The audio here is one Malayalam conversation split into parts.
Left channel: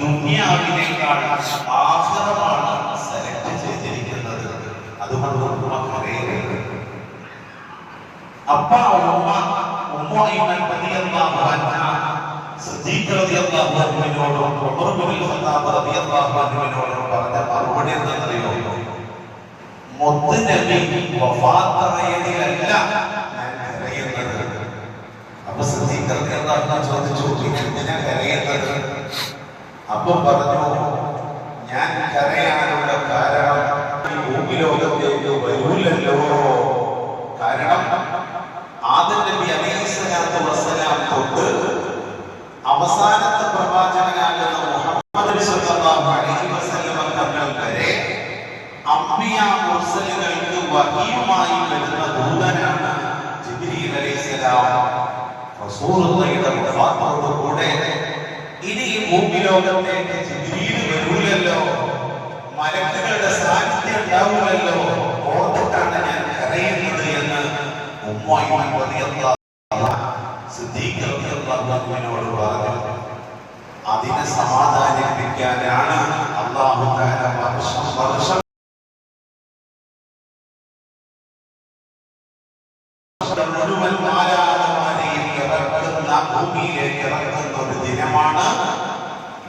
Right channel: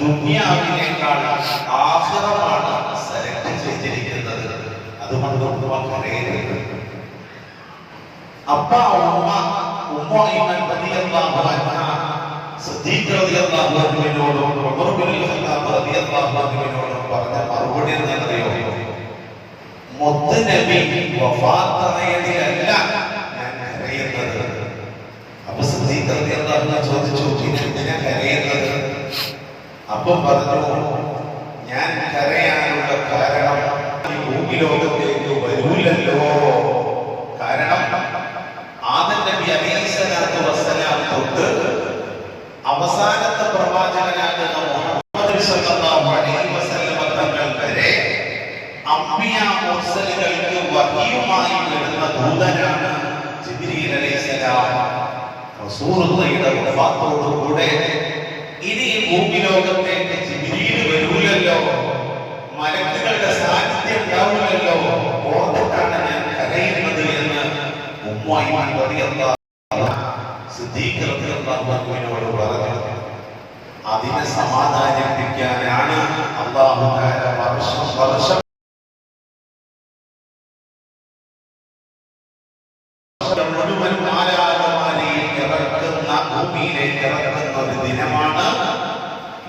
ദുനിയാവിനേക്കാൾ ആഖിറമാണ് സെലക്ട് ചെയ്തിരിക്കുന്നത്. അതുകൊണ്ട് കരയരുത്. അപ്പ ഉമ്മ റളിയല്ലാഹു അൻഹ സിദ്ദീഖ് റളിയല്ലാഹു അൻഹുവിനോടും ഉമർ ഇബ്നുൽ ഖത്താബ് റളിയല്ലാഹു അൻഹുവിനോടും പറഞ്ഞ മറുപടി എന്താണെന്നറിയോ? മുത്ത് നബി വഫാത്തായതിലല്ല ഞാൻ കരയുന്നത്. അപ്പൊ സിദ്ദീഖ് റളിയല്ലാഹു അൻഹു ചോദിച്ചു, എന്തിനാ കരയുന്നത്? അപ്പൊ പറഞ്ഞു, ഞാൻ കരയാനുള്ള കാരണം ഈ ഭൂമിലോകത്തേക്ക് വരൂലല്ലോ. കാരണം ആദം നബി അലൈഹിസ്സലാത്തു വസ്സലാം തൊട്ട് അവസാനത്തെ പ്രവാചകനാകുന്ന മുഹമ്മദ് സ്വല്ലല്ലാഹു അലൈഹി വസല്ലം തങ്ങൾ വരെ അംബിയാ മുർസലുകൾക്ക് വഹിയുമായി വരുന്ന ദൂതനാണ് ജിബ്രീൽ അലൈഹിസ്സലാം. റസൂലുള്ളാഹിയുടെ വഫാത്തോടുകൂടെ ഇനി ഭൂമിലോകത്തേക്ക് ജിബ്രീൽ വരൂലല്ലോ, മലക്കുകളുടെ സാന്നിധ്യം ഉണ്ടാവില്ലല്ലോ, ഓർത്തിട്ടാണ് ഞാൻ കരയുന്നത് എന്ന് സിദ്ദീഖ് റളിയല്ലാഹു അൻഹുവിനോട് പറഞ്ഞു. അതിനെ സമാധാനിപ്പിക്കാനാണ് അല്ലാഹു തആല വർഷം മുഴുവൻ മാലാഖമാരെയും ഇറക്കുന്ന, ഭൂമിയിലേക്ക് ഇറക്കുന്ന ഒരു ദിനമാണ്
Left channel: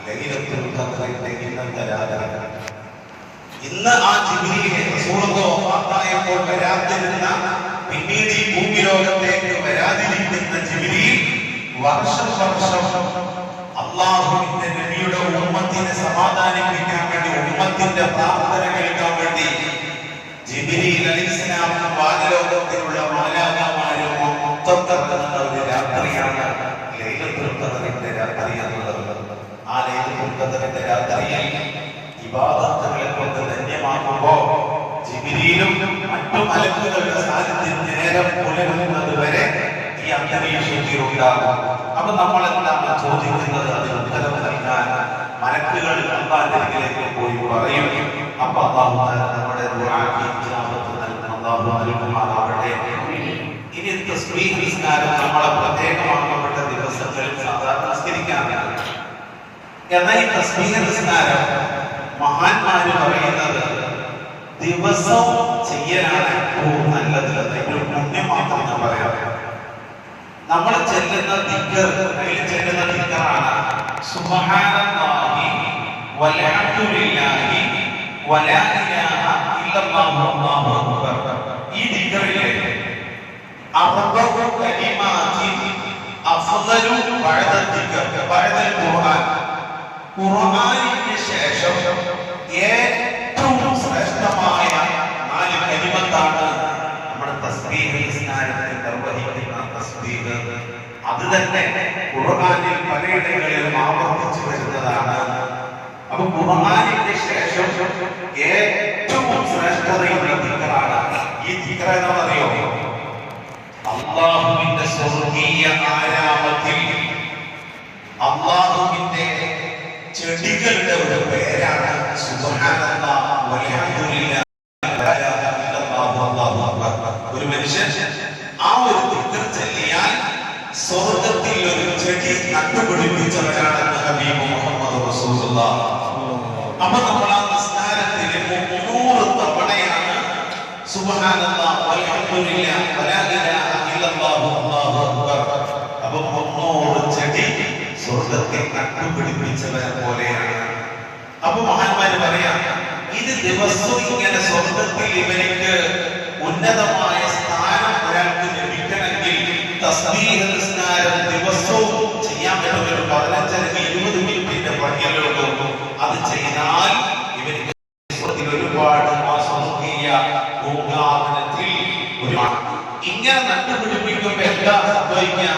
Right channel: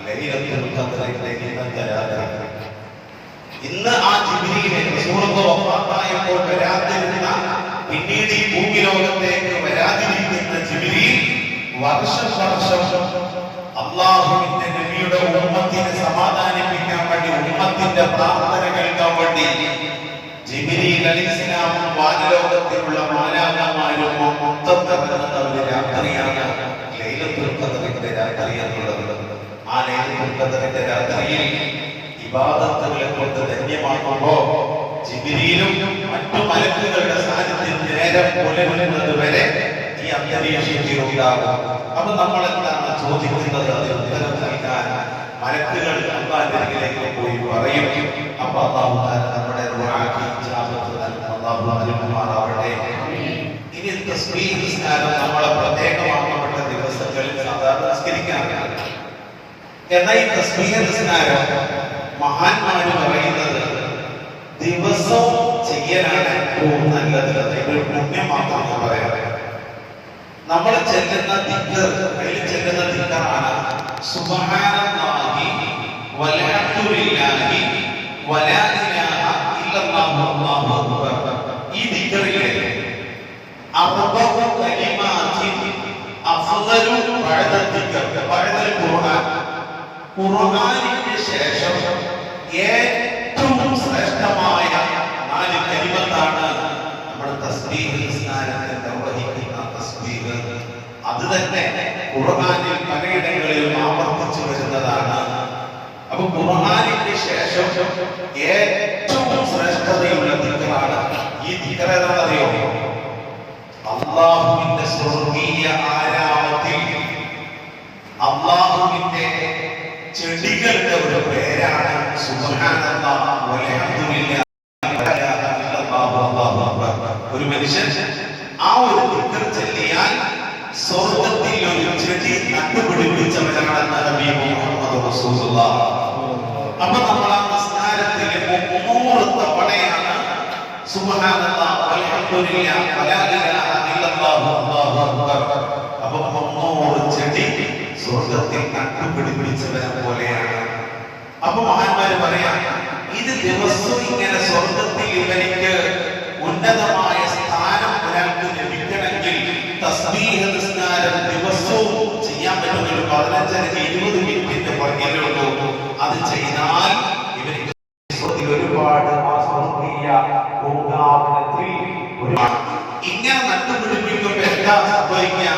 ലൈലത്തുൽ ഖദ്റിന്റെ ഇന്നത്തെ രാത്രി. ഇന്ന് ആ ജിബ്രീൽ റസൂലുള്ളാഹി വഫാത്തായപ്പോൾ വരാതിരുന്ന, പിന്നീട് ഈ ഭൂമിലോകത്തേക്ക് വരാതിരിക്കുന്ന ജിബ്രീൽ വർഷം അല്ലാഹുവിന്റെ നബിയുടെ ഉമ്മത്തിനെ സമാധാനിപ്പിക്കാൻ വേണ്ടി, ഉമ്മത്തിന്റെ പ്രാർത്ഥന കേൾക്കാൻ വേണ്ടി ജിബ്രീൽ അലൈഹിസ്സലാം വാനലോകത്തിലുള്ള മാലാഖമാരും മൊത്തത്തിറങ്ങുന്ന ഒരു രാത്രിയാണ് ലൈലത്തുൽ ഖദ്റിന്റെ രാത്രി എന്നുള്ളത്. ആ ലൈലത്തുൽ ഖദ്റിന്റെ രാത്രിയിൽ ഇബാദത്തുകളെ കൊണ്ട് ധന്യമാക്കുമ്പോൾ ജിബ്രീലും മറ്റു മലക്കുകളുടെ സാന്നിധ്യം നേരം പുലരുന്നത് വരെ ഈ അന്തരീക്ഷത്തിൽ ഉണ്ടാകും. അപ്പൊ നമ്മൾ എന്താണ് ചോദിക്കുന്നത്? അത് ഉത്തരം നൽകാൻ മലക്കുകൾ അല്ലാഹുവിന്റെ അരികിലേക്ക് പോയി പറയും. അപ്പൊ അല്ലാഹു തആല നമ്മുടെ ദുആക്ക് ഇജാബത്ത് നൽകും. അല്ലാഹു നൽകുമാറാവട്ടെ. ഇനി തസ്ബീഹ് നിസ്കാരം നമ്മളെ പ്രത്യേകമാക്കപ്പെട്ട ദിവസങ്ങളിൽ സാധാരണ നിസ്കരിക്കാറുണ്ട്. എന്നാൽ ഈ തസ്ബീഹ് നിസ്കാരം മഹാന്മാര് പറയുന്നത് ദിവസവും ചെയ്യലാണ് ഏറ്റവും നല്ലത്. അതിന്റെ പുണ്യം മാത്രം ഞാൻ പറയാം. നമ്മൾ ചെല്ലുന്ന ദിക്ർ, അതിൽ ചെല്ലുന്ന ദിക്റാണ് സുബ്ഹാനല്ലാഹി വൽഹംദുലില്ലാഹി വലാ ഇലാഹ ഇല്ലല്ലാഹു അല്ലാഹു അക്ബർ. ഈ ദിക്റിലെ അർബഉ കലിമാത്തിൻ അഫ്ളലു ബഅദ ദിക്ർ ബഅദൽ ഖുർആൻ. ഖുർആനിന് ശേഷം ഏറ്റവും ശ്രേഷ്ഠമായ 4 കലിമത്താണ് നമ്മുടെ തസ്ബീഹ് നിസ്കാരത്തിൽ നിർവഹിക്കുന്ന തസ്ബീഹ്. അത് തന്നെ ഖുർആനിൽ പലയിടങ്ങളിലും ആവർത്തിച്ചു വരുന്നതാണ്. അപ്പൊ ഖുർആനിന് ശേഷം ഏറ്റവും ശ്രേഷ്ഠതയുള്ള ദിക്റാണ് ഈ ദിക്ർ. എന്നറിയോ? അല്ലാഹുവിന്റെ സ്വർഗീയ ആരാമത്തിൽ അല്ലാഹുവിന്റെ ചെടികളുടെ ഒരു പേരാണ് സുബ്ഹാനല്ലാഹ് വൽഹംദുലില്ലാഹി വലാ ഇലാഹ ഇല്ലല്ലാഹു അല്ലാഹു അക്ബർ. ഒരു മനുഷ്യൻ ആ ഒരു ദിക്ർ ചൊല്ലിയാൽ സ്വർഗ്ഗത്തിൽ ഒരു ചെടി നട്ടുപിടിപ്പിച്ചവരാണ് ഹബീബ് മുഹമ്മദ് റസൂലുള്ളാഹി. അപ്പോൾ നമ്മൾ ആ നിസ്കാരത്തിലെ 300 തവണയാണ് സുബ്ഹാനല്ലാഹ് വൽഹംദുലില്ലാഹി വലാ ഇലാഹ ഇല്ലല്ലാഹു അല്ലാഹു അക്ബർ. അപ്പോൾ 300 ചെടി സ്വർഗ്ഗത്തിൽ നട്ടുപിടിപ്പിച്ചവരെ പോലെയാണ്. അപ്പൊ മഹാന്മാര് പറയാം, ഇത് ദിവസവും ഇങ്ങനെ സ്വർഗ്ഗത്തിൽ ഇവർക്ക് ഉന്നതമായ സ്ഥാനം ഒരാൾക്ക് ലഭിക്കണമെങ്കിൽ തസ്ബീഹ് നിസ്കാരം ദിവസവും ചെയ്യാൻ പറ്റുന്ന ഒരു 15-20 മിനിറ്റിന്റെ പുറകിലുള്ളൂ. അത് ചെയ്താൽ ഇവർക്ക് ഒരുപാട് സ്വർഗീയ പൂങ്കാവനത്തിൽ ഇങ്ങനെ നട്ടുപിടിപ്പിക്കുമ്പോൾ എന്താ സംഭവിക്കാം?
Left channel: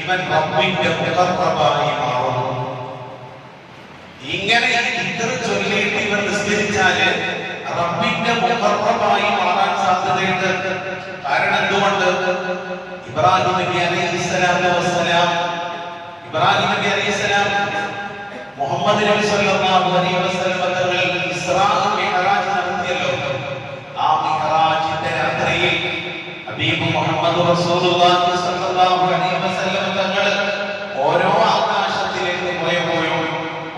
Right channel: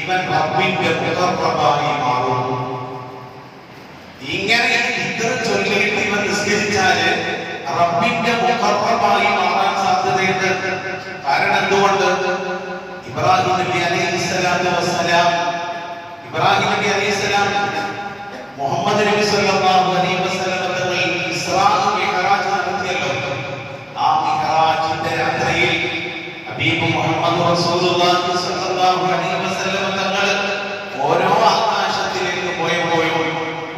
ഇവൻ റബ്ബിന്റെ മുഖർറബായി മാറും. ഇങ്ങനെ ദിക്ർ ചൊല്ലിയിട്ട് ഇവൻ നിസ്കരിച്ചാല് റബ്ബിന്റെ മുഖർറബായി മാറാൻ സാധ്യതയുണ്ട്. കാരണം എന്തുകൊണ്ട്? ഇബ്രാഹിം നബി അലൈഹിസ്സലാത്തു വസ്സലാം മുഹമ്മദ് നബി സല്ലല്ലാഹു അലൈഹി വസല്ലം ഇസ്രാ മിഅ്റാജ് നടത്തിയല്ലോ. ആ മിഅ്റാജ് ഹബീബ് മുഹമ്മദ് റസൂലുള്ളാഹി സ്വല്ലല്ലാഹു അലൈഹി വസല്ലം തങ്ങൾ ഓരോ ആകാശത്തിലേക്ക് പോയപ്പോഴും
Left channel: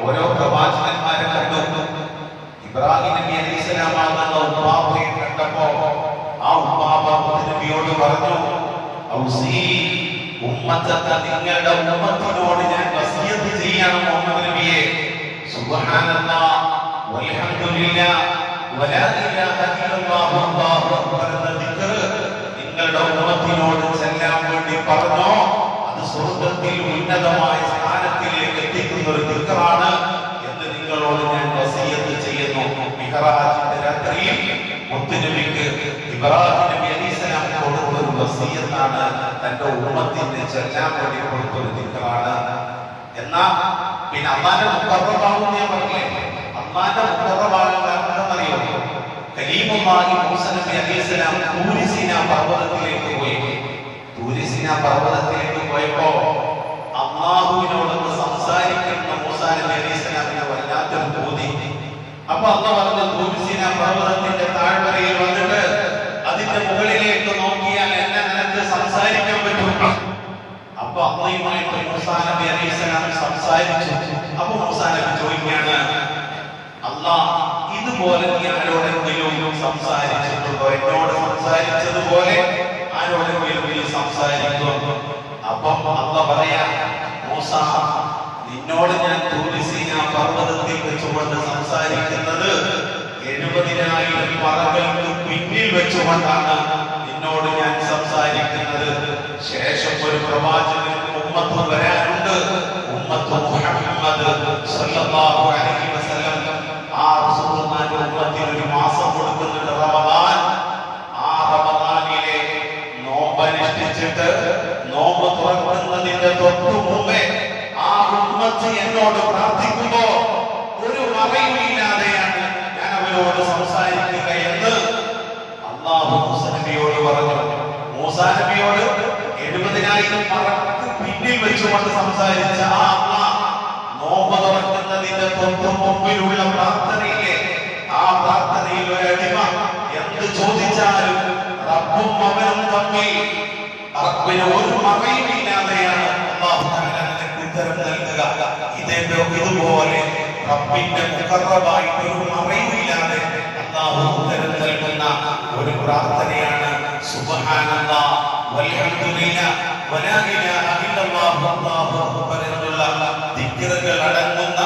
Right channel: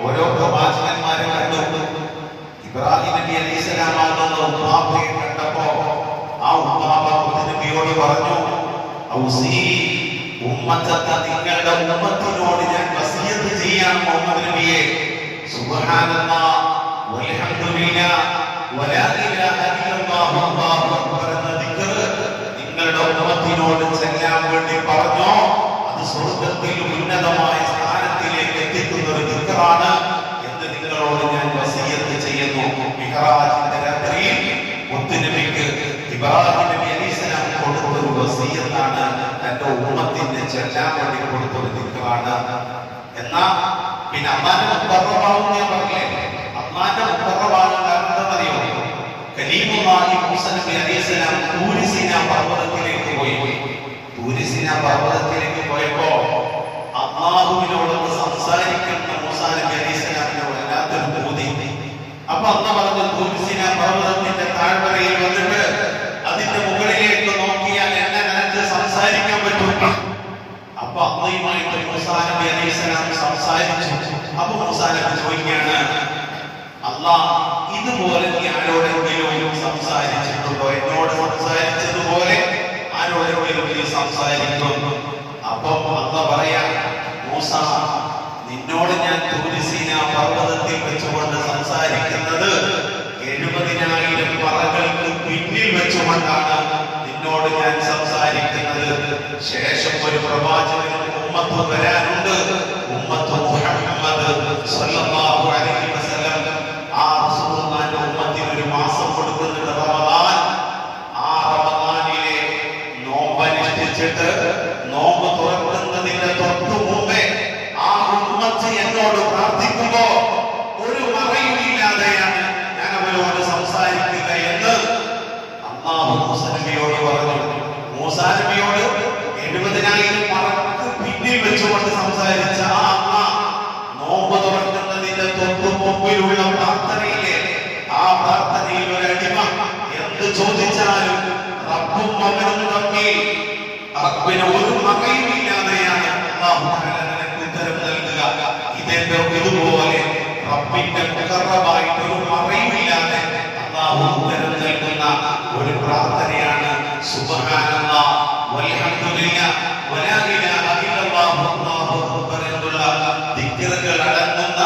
ഓരോ പ്രവാചകന്മാരെ കണ്ടു. ഇബ്രാഹിം നബി അലൈഹിസ്സലാം ആകുന്ന ഉപ്പാപ്പയെ കണ്ടപ്പോ ആ ഉപ്പാപ്പ നബിയോട് പറഞ്ഞു, ഔസീ ഉമ്മത്തക, നിങ്ങളുടെ ഉമ്മത്തിനോട് ഞാൻ വസിയത്ത് ചെയ്യാൻ മുഹമ്മദ് നബിയെ. സുബ്ഹാനല്ലാഹ് വൽഹംദുലില്ലാഹ് വലാ ഇലാഹ ഇല്ലല്ലാഹു അല്ലാഹു അക്ബർ എന്ന ദിക്ർ നിങ്ങളുടെ ഉമ്മത്തിനോട് ചെല്ലാൻ വേണ്ടി പറഞ്ഞോ. അത് സ്വർഗ്ഗത്തിൽ ഉന്നതമായ സ്ഥാനത്തിലേക്ക് എത്തിക്കുന്ന ഒരു ദിക്റാണ് എന്ന് നിങ്ങളോട് ഞാൻ വസിയത്ത് ചെയ്യുന്നു. മിഹ്റാജിന്റെ രാത്രിയിൽ മുത്തുനബിക്ക് ഇബ്രാഹിം നബി അലൈഹിസ്സലാം കൊടുത്തൊരു വസിയത്താണ്, തന്റെ ഉമ്മത്തിന് ചെല്ലാൻ വേണ്ടി കൊടുത്തൊരു ദിക്റാണ്. എന്നാ പിന്നെ അള്ളാന്റെ മുഖറബാവും ഞാൻ പറഞ്ഞില്ലേ, അള്ളാന്റെ മുഖറബാവും കാരണം എന്താണെന്നറിയോ? കലീമുല്ലാഹി മൂസാ നബി അലൈഹിസ്സലാം തൂരി സീനാ പർവ്വതത്തിലേക്ക് പോയി. തൂരി സീനാ പർവ്വതത്തിലേക്ക് പോയപ്പോ അല്ലാഹുവിനോട് സംസാരിക്കുന്ന മൂസാ നബി അലൈഹിസ്സലാമിന് വല്ലാത്തൊരു ബോധി. അപ്പൊ അല്ലാഹ് പറഞ്ഞു, തൂരി സീനാ പർവ്വതത്തിന്റെ താഴ്വരയിൽ വന്നിട്ട് അതിന്റെ മുകളിലേക്ക് നോക്കിയാൽ എന്നെ നിനക്ക് സംസാരിക്കാൻ പറ്റും. അപ്പൊ അള്ളാഹുമായിട്ട് മൂസാ നബി അലൈഹിസ്സലാം സംസാരിച്ചു. അപ്പൊ മൂസാ നബി ചോദിക്കുകയാണ്, അല്ലാഹ് ഇതുപോലെ നീ ആരോടെങ്കിലും സംസാരിച്ചിട്ടുണ്ടോ? എന്നോട് സംസാരിച്ചതുപോലെ ആരോടെങ്കിലും സംസാരിക്കും? അപ്പം അല്ലാഹ് പറയാ, മൂസ, നിന്നോട് ഞാൻ തൂരി സീനാ പർവ്വതത്തിൽ വെച്ചുകൊണ്ട് സംസാരിക്കുന്നത് 70,000 പറകൾക്ക് പിന്നിൽ വെച്ചുകൊണ്ടാണ് നിന്നോട് ഞാൻ സംസാരിക്കുന്നത്. ശേഷം ഒരു പ്രവാചകൻ ഉമ്മത്ത് വരാനുണ്ട്, ഉമ്മത്ത് മുഹമ്മദ് സ്വല്ലല്ലാഹു അലൈഹി വസല്ലം. ആ റസൂലുള്ളാഹിന്റെ ഉമ്മത്തിന് ഒരു മാസം കൊടുക്കുന്നുണ്ട്, റമദാൻ. ആ റമദാനിലെ നോമ്പ് അനുഷ്ഠിച്ചിട്ട് നോമ്പ് തുറക്കുന്നതിന്റെ തൊട്ടു മുമ്പേ ആ ഉമ്മത്ത് എന്നോട് പ്രാർത്ഥിക്കുമ്പോ ഒരു മറയുമില്ലാതെയാണ് ഞാൻ അവരോട് സംസാരിക്കുക എന്ന് അല്ലാഹു മൂസാ നബിയോട് പറഞ്ഞു. മൂസാ നബിയോട് 70,000 പറക്ക് പിന്നിൽ വെച്ചുകൊണ്ട് സംസാരിച്ച ആ അല്ലാഹ് നോമ്പ് തുറക്കുന്നതിന്റെ തൊട്ടു മുമ്പിലുള്ള പ്രാർത്ഥനയിലെ ആ പ്രാർത്ഥനയിൽ ഒരു അടിമ എന്ത് ചോദിച്ചാലും റബ്ബും അവനും തമ്മിൽ റബ്ബിന് ഒരു മറയുമില്ലാതെയാണ് അല്ലാഹു തആല നിനക്ക് ഉത്തരം നൽകുക. ഇതുപോലെ റബ്ബിന്റെ മുഖറബായിട്ട് ഒരു മറയുമില്ലാതെ അല്ലാഹു ഉത്തരം നൽകുന്ന ഒരു പ്രാർത്ഥനയാണ് സുബ്ഹാനല്ലാഹ് വൽഹംദുലില്ലാഹ് വലാ ഇലാഹ ഇല്ലല്ലാഹു അല്ലാഹു അക്ബർ എന്നുള്ള ദിക്റുകൾ അടങ്ങുന്ന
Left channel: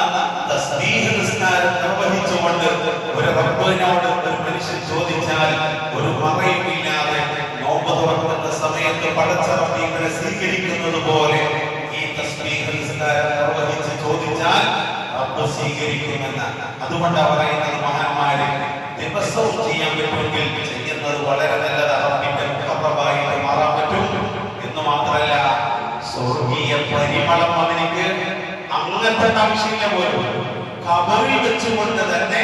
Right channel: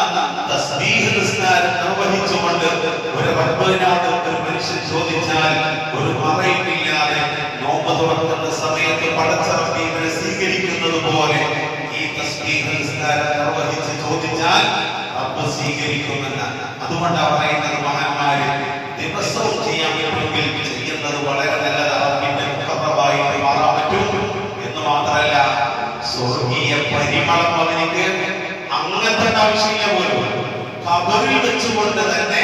തസ്ബീഹ് നിസ്കാരം നിർവഹിച്ചുകൊണ്ട് ഒരു റബ്ബിനോട് ഒരു മനുഷ്യൻ ചോദിച്ചാൽ ഒരു മറയുമില്ലാതെ നോമ്പ് തുറക്കുന്ന സമയത്ത് പടച്ച റബ്ബ് ഇവരെ സ്വീകരിക്കുന്നത് പോലെ ഈ തസ്ബീഹ് നിസ്കാരം നിർവഹിച്ച് ചോദിച്ചാൽ റബ്ബ് സ്വീകരിക്കുമെന്ന്. അതുകൊണ്ടാണ് പറയുന്നത്, മഹാന്മാര് ദിവസവും ചെയ്യാൻ പറ്റുമെങ്കിൽ ചെയ്യുന്നത് വളരെ നല്ലത്. റബ്ബിന്റെ മുഖറബായിട്ട് മാറാൻ പറ്റും എന്ന് മാത്രമല്ല, സ്വർഗീയ പരിമളം അവനിക്ക് അങ്ങനത്തെ ആവശ്യമില്ല പോലും. ഖബറിൽ വെച്ചുകൊണ്ട് തന്നെ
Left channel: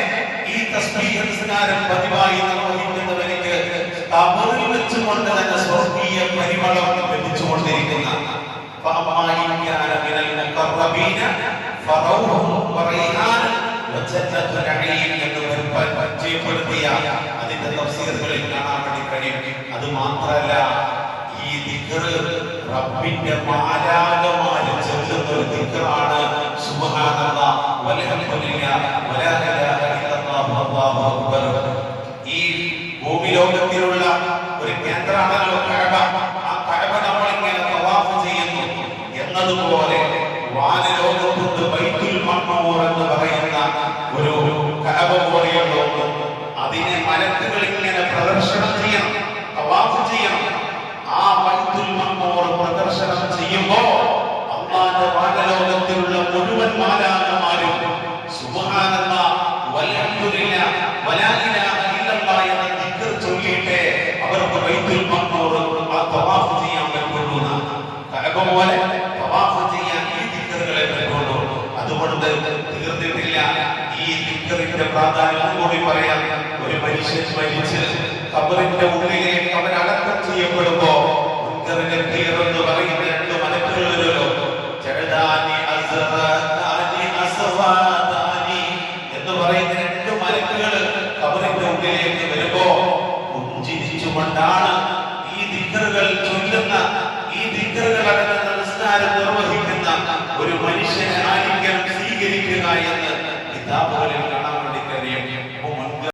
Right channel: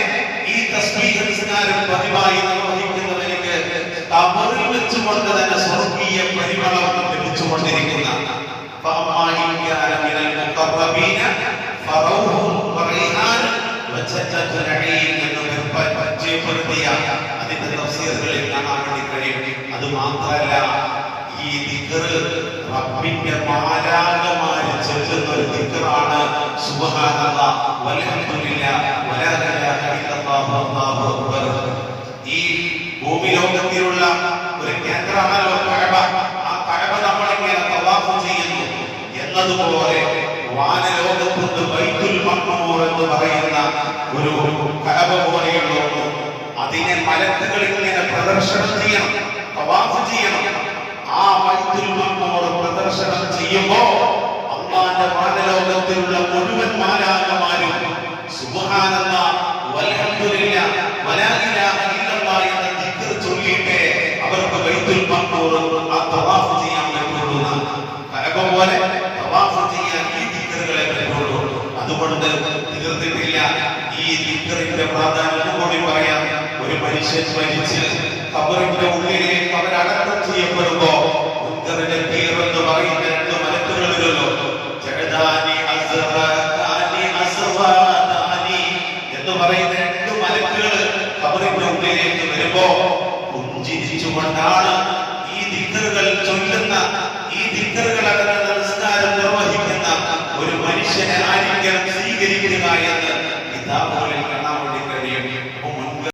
ഈ തസ്ബീഹ് നിസ്കാരം പതിവായി നിർവഹിക്കുന്നവനിക്ക് ഖബറിൽ വെച്ചുകൊണ്ട് തന്നെ സ്വർഗീയ പരിമളം ലഭിച്ചുകൊണ്ടിരിക്കുന്ന അതിന്റെ തഫ്സീറുകളിൽ കാണാൻ വേണ്ടി കഴിയും. അത് മാത്രമല്ല, ഈ ദിക്ർ റബ്ബിന്റെ മാലാഖമാര് ചൊല്ലുന്ന ഒരു ദിക്റാണ്. സുബ്ഹാനല്ലാഹ് വൽഹംദുലില്ലാഹ് വലാ ഇലാഹ ഇല്ലല്ലാഹു അല്ലാഹു അക്ബർ. ഈ ഭൂമിലോകത്തിലുള്ള ഒരു കേന്ദ്രമാണല്ലോ കഅബ. ആ കഅബ നമ്മൾ ഇങ്ങനെ തവാഫ് ചെയ്യുന്നു എന്നതുപോലെ വാനലോകത്തുണ്ട് ബൈത്തുൽ മഅ്മൂർ എന്ന് പറയുന്ന ഒരു കഅബ പോലെയുള്ള ഒന്ന്. അതിനെ മലക്കുകൾ ഇങ്ങനെ പ്രദർശനം ചെയ്യണം, തവാഫ് ചെയ്യണം. ആ ബൈത്തുൽ മഅ്മൂർ പ്രദർശനം ചെയ്യുമ്പോ അല്ലാഹുവിന്റെ വാനലോകത്തിലുള്ള മുഴുവൻ മാലാഖമാരും സുബ്ഹാനല്ലാഹ് വൽഹംദുലില്ലാഹ് വലാ ഇലാഹ ഇല്ലല്ലാഹ് എന്ന ദിക്ർ ചൊല്ലിയിട്ട് അവർക്ക് ബൈത്തുൽ മഅ്മൂർ തവാഫ് ചെയ്യാൻ പറ്റുന്നു. കഅബ പോലെ തവാഫ് ചെയ്യാൻ ഈ ദിക്റുകളെ പറ്റുള്ളൂ. അതുകൊണ്ട് തീർന്നിട്ടില്ല. ഈ ദിക്റിന്റെ പ്രാധാന്യം കൂടി പറയാം. ഒരു മനുഷ്യൻ മരിച്ച് ഖബറിന്റെ ഉള്ളിലേക്ക് അവൻ അടക്കം ചെയ്യപ്പെടുമ്പോ മുൻകറിന്റെ എന്ന് പറയുന്ന 2 മലക്കുകളല്ലോ, എന്ന് പറയുന്ന 2 മലക്കുകൾ ഖബറിന്റെ ഉള്ളിലേക്ക് വരുമ്പോ പുഞ്ചിരിച്ചുകൊണ്ടാണ് ഈ ദിക്ർ മനുഷ്യനെ ആരെങ്കിലും സ്വീകരിക്കുക എന്ന് കിതാബുകളിൽ കാണാൻ വേണ്ടി കഴിയും.